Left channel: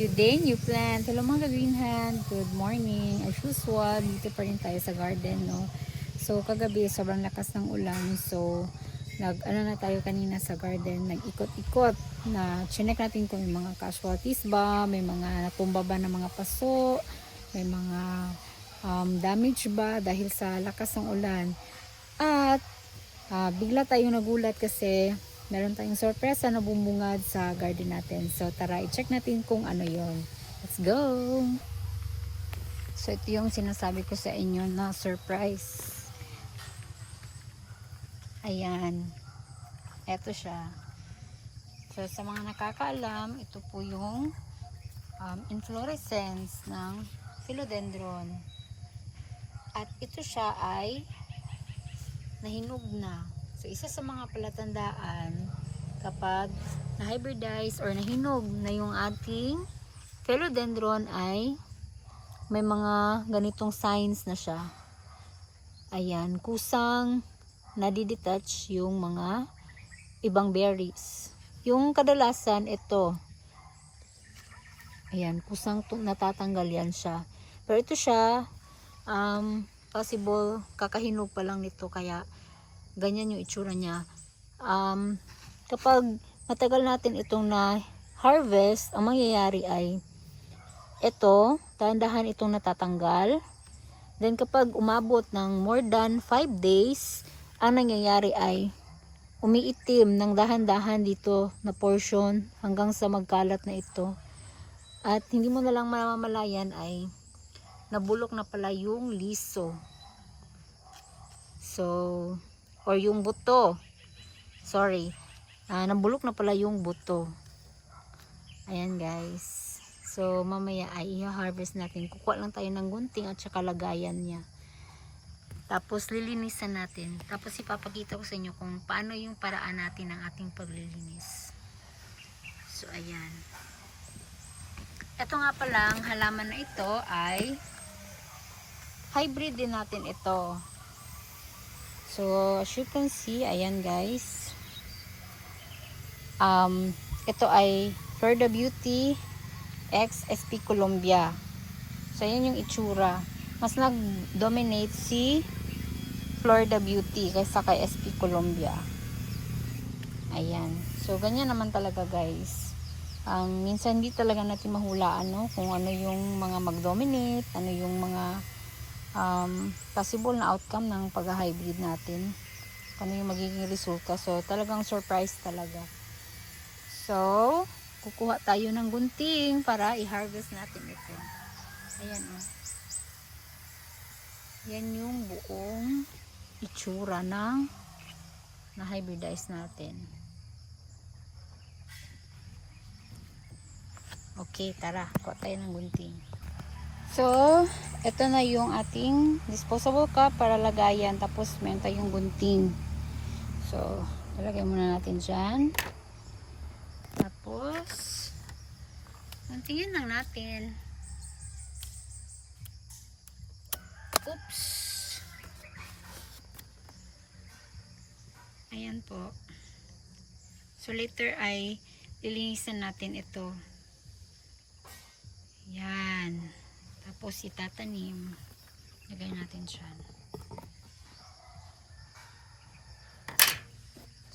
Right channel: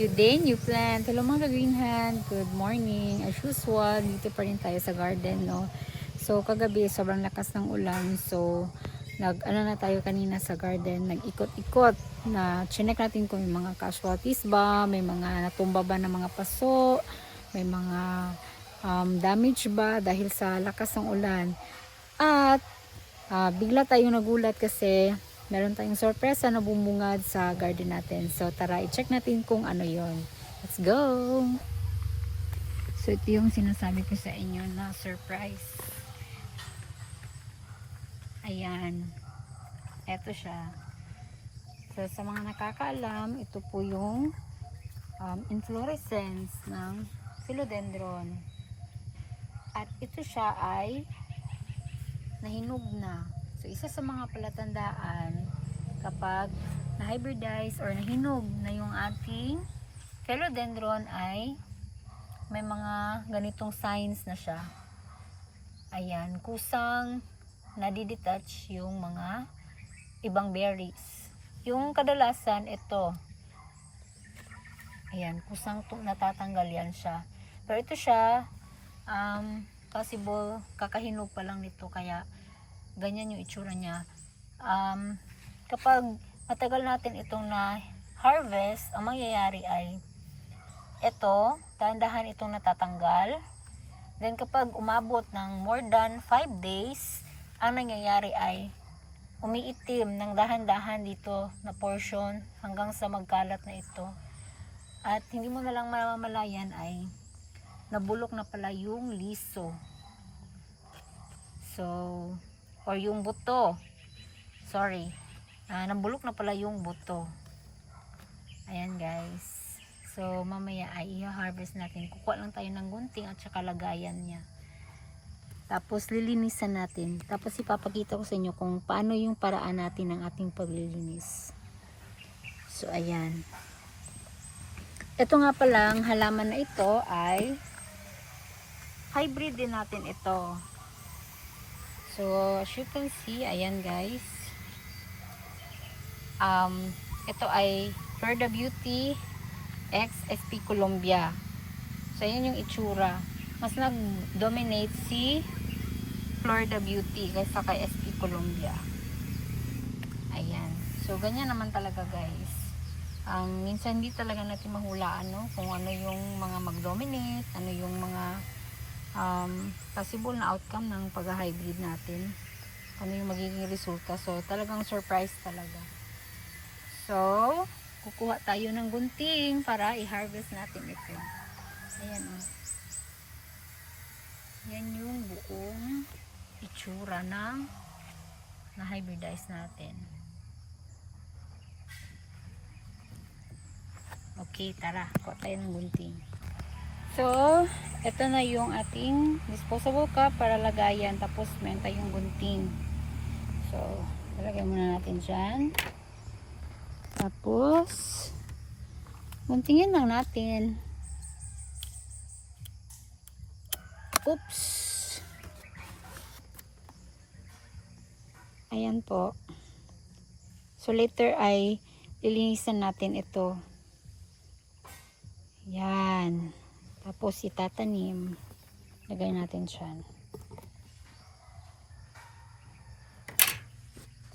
New day, new plant. Hello mga ka-green hand. Good morning. As usual, dito pa rin tayo sa garden, no? So, kagabi, sobrang lakas ng ulan. So, ano na tayo kanina sa garden. Nag-ikot-ikot na chinek natin kung may mga casualties ba, may mga natumba ba na mga paso, may mga damage ba dahil sa lakas ng ulan. At, bigla tayong nagulat kasi meron tayong sorpresa na bumungad sa garden natin. So tara, i-check natin kung ano yon. Let's go! So ito yung sinasabi ko sa inyo na surprise. Ayan. Ito siya. So sa mga nakakaalam, ito po yung inflorescence ng philodendron. At ito siya ay nahinog na. So, isa sa mga palatandaan kapag na-hybridize or nahinog na yung ating philodendron ay may mga ganitong signs na siya. Ayan, kusang nadidetach yung mga ibang berries. Yung kadalasan ito, ayan, kusang natatanggal yan siya. Pero ito siya, possible kakahinog pa lang nito, kaya ganyan yung itsura niya. Kapag matagal natin itong na harvest, ang mangyayari ay ito, dahan-dahan itong natatanggal. Then kapag umabot ng more than 5 days, ang nangyayari ay umiitim ng dahan-dahan dito na portion hanggang sa magkalat na ito. At hindi mo na lang mamamalayan ay nabulok na pala yung liso. So, or yung buto. Sorry. Nabulok na pala yung buto. Ayan guys. So, mamaya ay i-harvest natin. Kukuha lang tayo ng gunting at saka lagayan niya. Tapos, lilinisan natin. Tapos, ipapakita ko sa inyo kung paano yung paraan natin ng ating paglilinis. So, ayan. Ito nga palang halaman na ito ay hybrid din natin ito. So, as you can see, ayan guys. Ito ay Florida Beauty X SP Colombia. So, ayan yung itsura. Mas nag-dominate si Florida Beauty kaysa kay SP Colombia. Ayan. So, ganyan naman talaga guys. Minsan hindi talaga natin mahulaan, no? Kung ano yung mga mag-dominate, ano yung mga possible na outcome ng pag-hybrid natin, ano yung magiging resulta. So talagang surprise talaga. So kukuha tayo ng gunting para i-harvest natin ito. Ayan o. Yan yung buong itsura ng na-hybridize natin. Okay, tara, kuha tayo ng gunting. So, ito na yung ating disposable cup para lagayan. Tapos, meron tayong gunting. So, ilagay muna natin dyan. Tapos, guntingin lang natin. Oops! Ayan po. So, later ay lilinisan natin ito. Yan. Tapos itatanim. Lagay natin siya.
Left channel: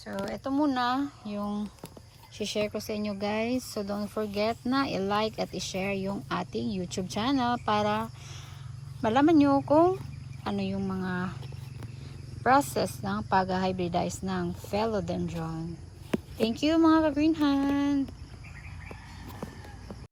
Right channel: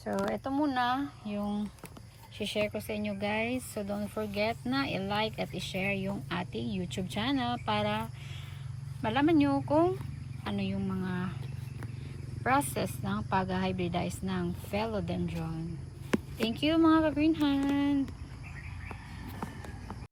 So, ito muna yung share ko sa inyo guys. So, don't forget na i-like at i-share yung ating YouTube channel para malaman nyo kung ano yung mga process ng pag-hybridize ng philodendron. Thank you mga ka-green hand!